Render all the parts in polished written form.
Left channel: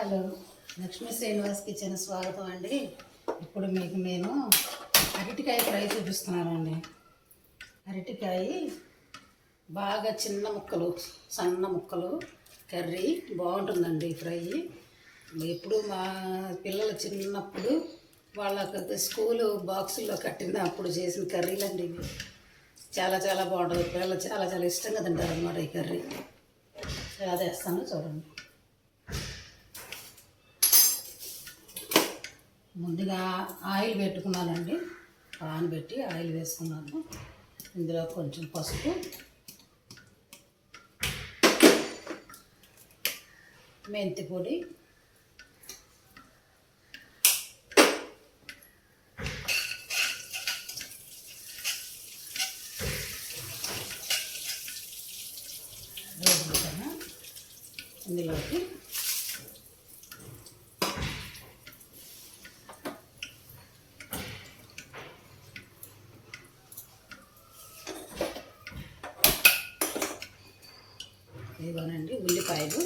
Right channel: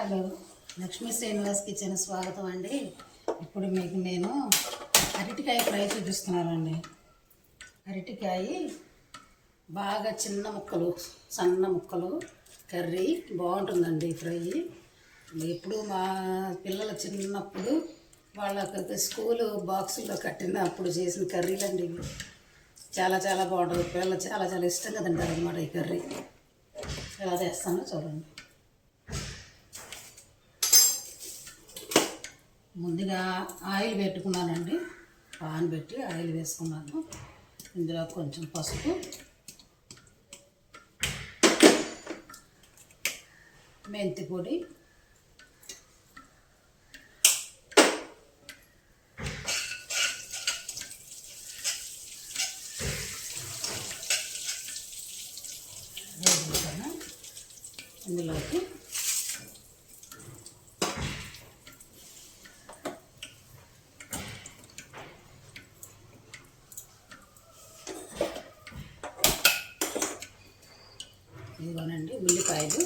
Hello, Lakshmi Srinivas kitchen స్వాగతం అండి. ఇప్పుడు మీకు నేను అరటికాయ ఫ్రై చూపిస్తున్నానండి. అరటికాయ బాగా చిన్న ముక్కలు, సన్న ముక్కలు కర్రీ బాగుంటుందండి ఫ్రై. ఎప్పుడు మా పిల్లలు చిన్నప్పుడు వాళ్ళకి స్కూలు బాక్సుల్లో కట్టినప్పుడు చేసిన కర్రీలండి ఇవి. చాలా చాలా బాగుంటుంది. పిల్లలు చాలా చాలా ఇష్టంగా తింటారు అన్నమాట ఈ కర్రీ. ఎలా చేస్తానో చూడండి. ముందుగా ఆయిల్ పెట్టుకున్నానండి. పాన్ పెట్టి ఆయిల్ వేసుకున్నాను. ఇందులో కొంచెం పసుపు, మెంతి పొడి, ఇందులోకి ఇదిగోనండి ఉల్లిపాయలు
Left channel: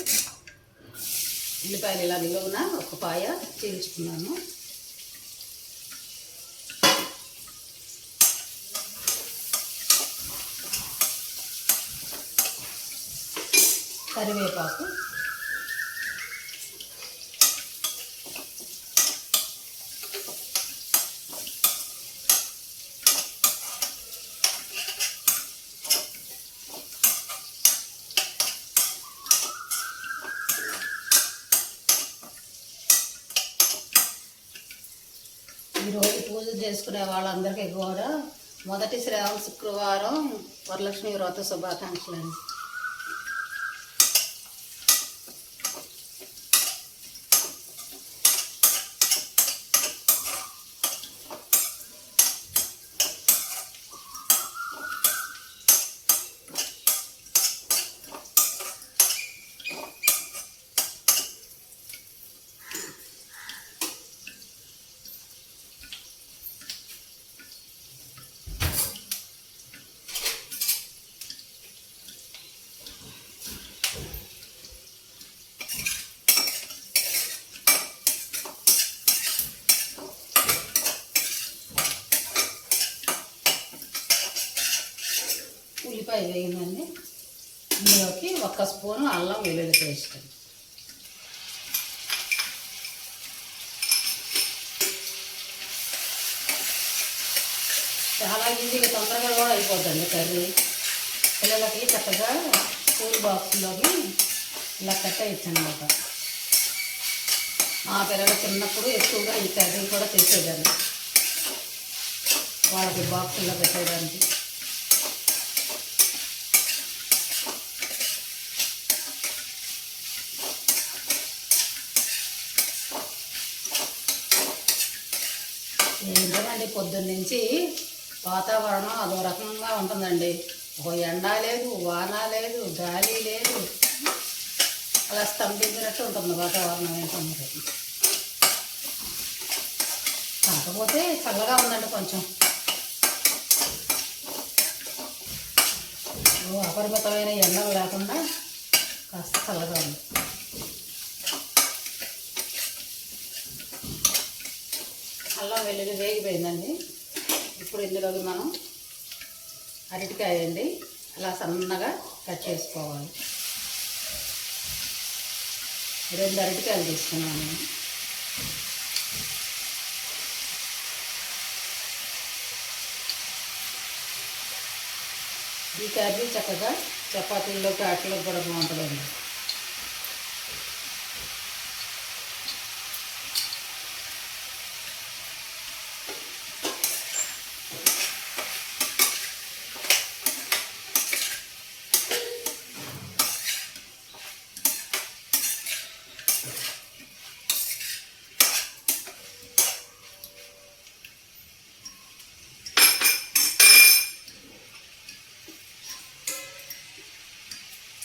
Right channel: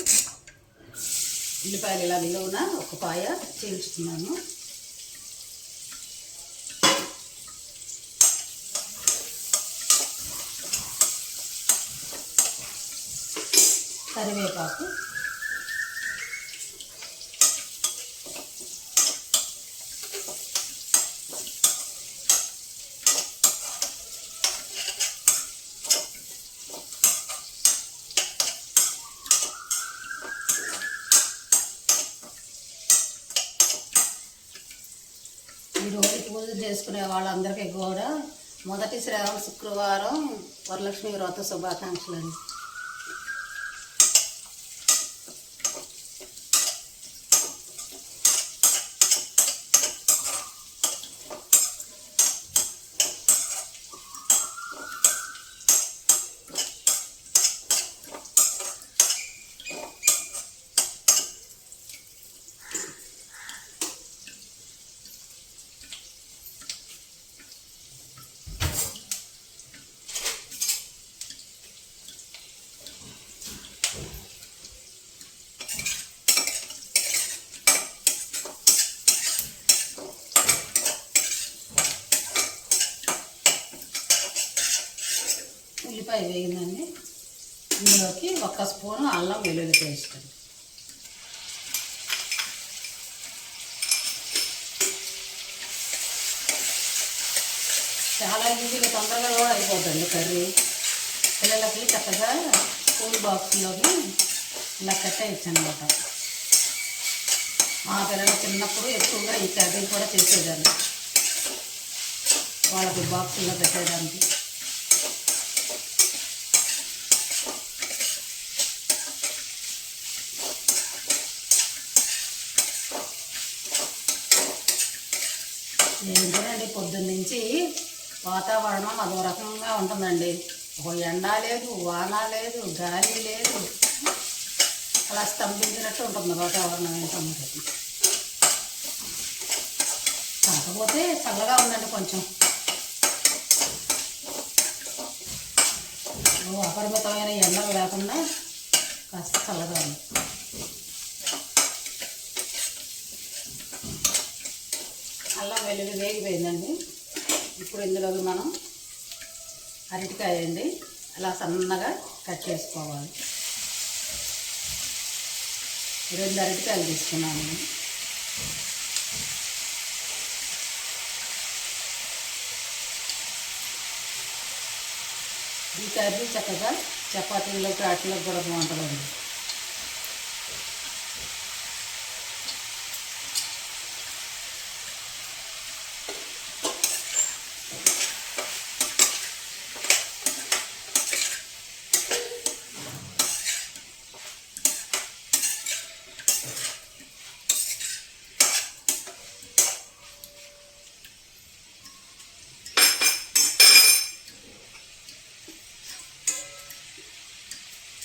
ఇలా నిలువున ఒక పాయ చీల్చుకున్నాను. కరివేపాకు, ఈరోజు పూజ చేసుకునే వాళ్ళందరికీ కూడా మొదటి శ్రావణ శుక్రవారం వరలక్ష్మి వ్రత శుభాకాంక్షలు అండి. ఉల్లిపాయ వేయిందండి. ఇందులోకి 1 స్పూను అల్లం వెల్లుల్లి పేస్ట్, చాలా ఈజీగా తొందరగా కూడా అయిపోతుంది కర్రీ. పిల్లలకి చక్కగా స్కూల్ బాక్స్లోకి ఇలా కట్టేయచ్చు అనమాట. మా పిల్లలు చిన్నప్పుడు ఎక్కువగా ఈ కర్రీ కూడా చేసేదాన్ని వాళ్ళకి బాక్సుల్లో పెట్టేయడానికి. ఏంటండి పొద్దున్న నుంచి వాతావరణం అదో రకంగా ఉంటుందండి. ఒక ఎండ లేదు, వాన లేదు, గాలి లేదు, అలా స్తంభించినట్టు ఉంటుంది వాతావరణం. ఏంటన్నది కాకపోతే చల్లగా ఉందండి. కొంచెం అపరిమితమైన ఎండలు లేకుండా కాస్త చల్లగా ఉంది. అల్లం వెల్లుల్లి వేగిపోయిందండి. ఇప్పుడు ఇందులోకి మనం అరటికాయ అండి అలా సన్నగా కట్ చేసుకోవాలి. 2 అరటికాయలు తీసుకున్నాను నేను. ఈ కర్రీ చక్కగా చపాతీల్లోకి అట్లోకి కూడా బాగుంటుందండి.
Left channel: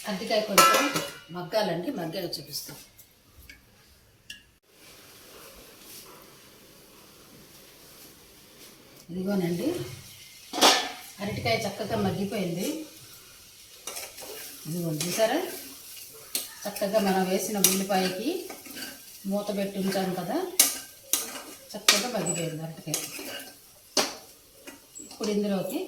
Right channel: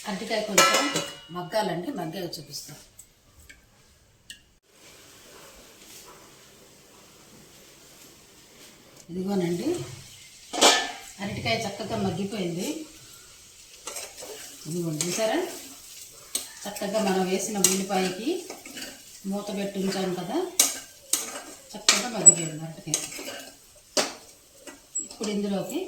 అరటికాయ కొంచెం మగ్గాలండి, మగ్గాక చూపిస్తాం. ఇదిగోనండి అరటికాయ చక్కగా మగ్గిపోయింది. ఇదిగోండి చూసారా, చక్కగా మనం వేసిన ఉల్లిపాయకి మూత పెట్టి ఉంచాను కదా, చక్కగా మగ్గిపోయింది అరటికాయ. ఇప్పుడు ఇందులోకి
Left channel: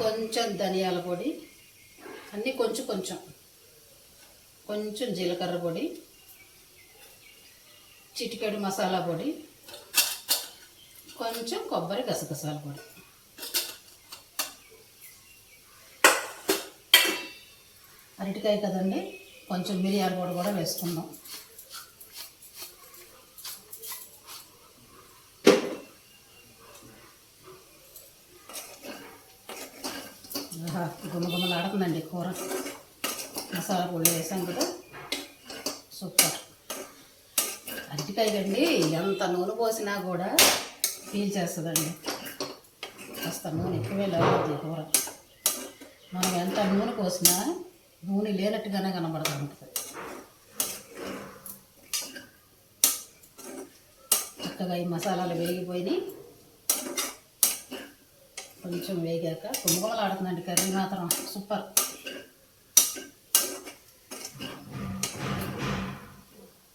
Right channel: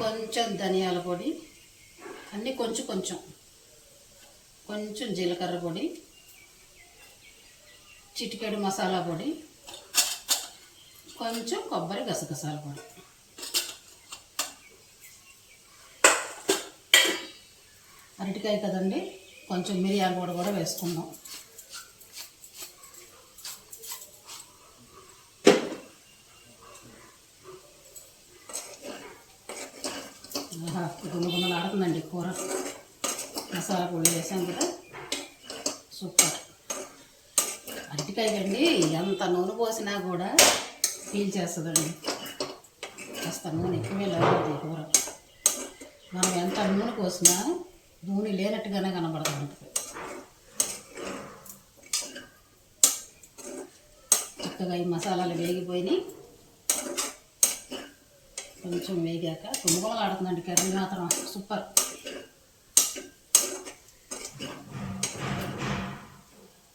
కొంచెం ధనియాల పొడి, అన్నీ కొంచెం కొంచెం, కొంచెం జీలకర్ర పొడి, చిటికెడు మసాలా పొడి, కొంచెం కొబ్బరి గసగసాల పొడి. అరటికాయ కదండి, కొంచెం మిరియాల పొడి కూడా వేసుకుందాం. గుమ్మగుమ్మలు ఆడుతుందండి కూర. మసాలా పొడి వేసాం కదా, సూపర్. అరటికాయ కండి ఎంత నూనె పోసినా కూడా పీల్చేస్తుందండి. కాస్త నూనె ఎక్కువే లేకపోతే కూర. మనం ఎంత నూనె పోసినా నూనె లేనట్టుగానే కనబడుతూ ఉంటుంది. చక్కగా ఈ మసాలాలు వేగిపోయినాయి. కొంచెం వేగాక గుమ్మగుమ్మలు ఆడుతుందండి కర్రీ మాత్రం సూపర్.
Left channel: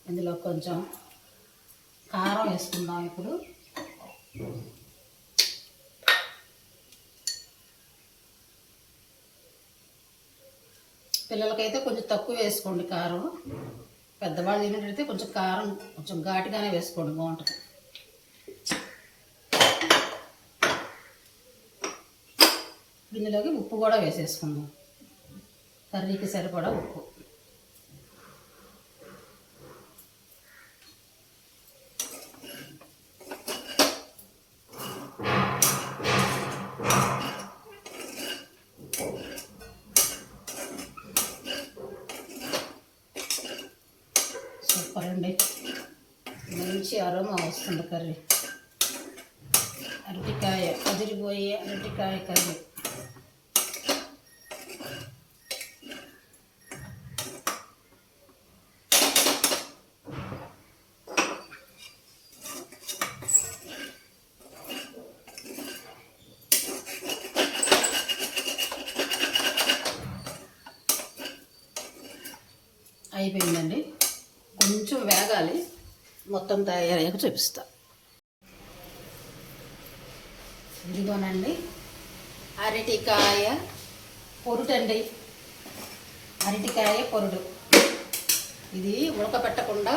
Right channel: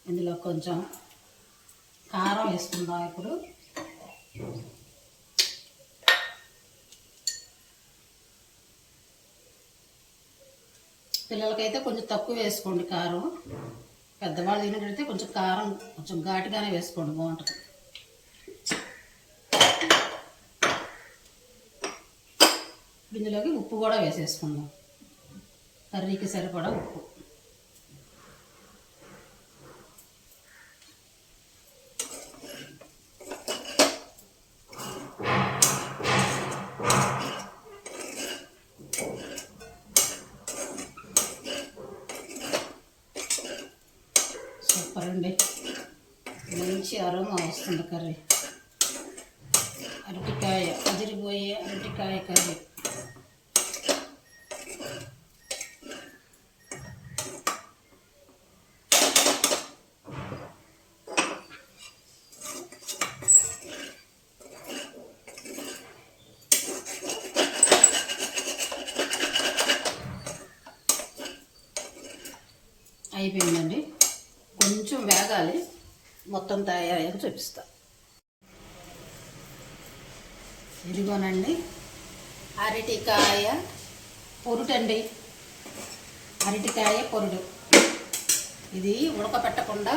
ఇందులో కొంచెం కారం వేసుకుందాం ఇప్పుడు. పిల్లలకైతే కొంచెం తక్కువ వేసుకోండి కారం. పెద్దవాళ్ళు తినకైతే కొంచెం కారం కొంచెం ఘాటుగానే వేసుకోండి, బాగుంటుంది. ఇందులోకి ఉప్పు కూడా వేసేసుకుందాం, కర్రీకి సరిపడా ఉప్పు. సూపర్ అండి, మంచి అరోమా వస్తుంది కర్రీ. అరటికాయ అదిరిపోయే అరటికాయ కర్రీ. అయిపోయిందండి, కొంచెం వేగాలి. మొత్తం తయారయ్యాక చూపిస్తా. ఇదిగోనండి అరటికాయ పొరుటండి, అరటికాయ పొరుడు. ఇది ఉడకపెట్టకుండా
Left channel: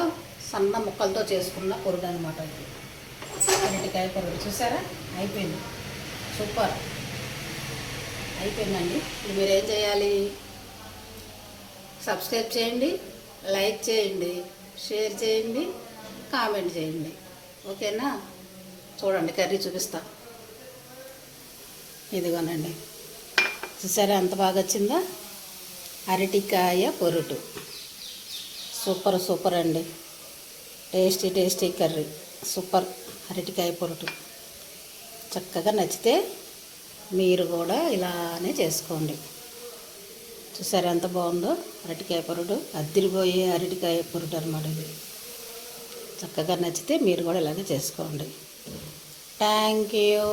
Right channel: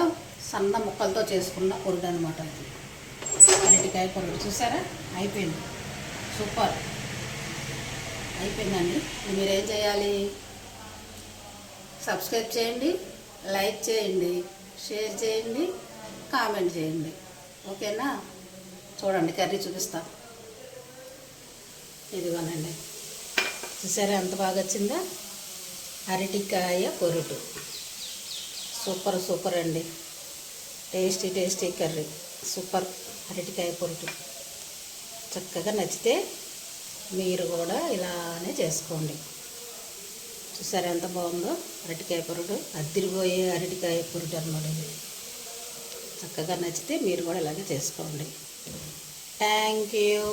సన్న ముక్కలతో చేసుకున్న పొరుడు అనమాట. ఇది అరటికాయ పొరుడు. చూసారా, అయిపోయింది. సూపర్ అయిపోయిందండి. మీరేం చేయాలి? సబ్స్క్రైబ్ చేయండి, లైక్ చేయండి, షేర్ చేయండి, కామెంట్ చేయండి. ఓకేనా? చూడండి కర్రీ చూపిస్తా. ఇదిగోనండి, చూసారా ఎంత బాగా వచ్చిందా? అరటికాయ పొరుటు. సూపర్ సూపర్ అండి, టేస్టీ టేస్టీ కర్రీ. సూపర్ అరటికాయ పొరుటు. చక్కగా నచ్చితే మీరు కూడా ఇలానే చేసుకోండి. చూసారా ఎంత బాగుందో అరటికాయ పొరుటు. అద్దిరిపోయే అరటికాయ పొరుటు అన్నమాట ఇది. చక్కగా నచ్చితే మీరు కూడా ఇలాగే చేసుకోండి. Thank you.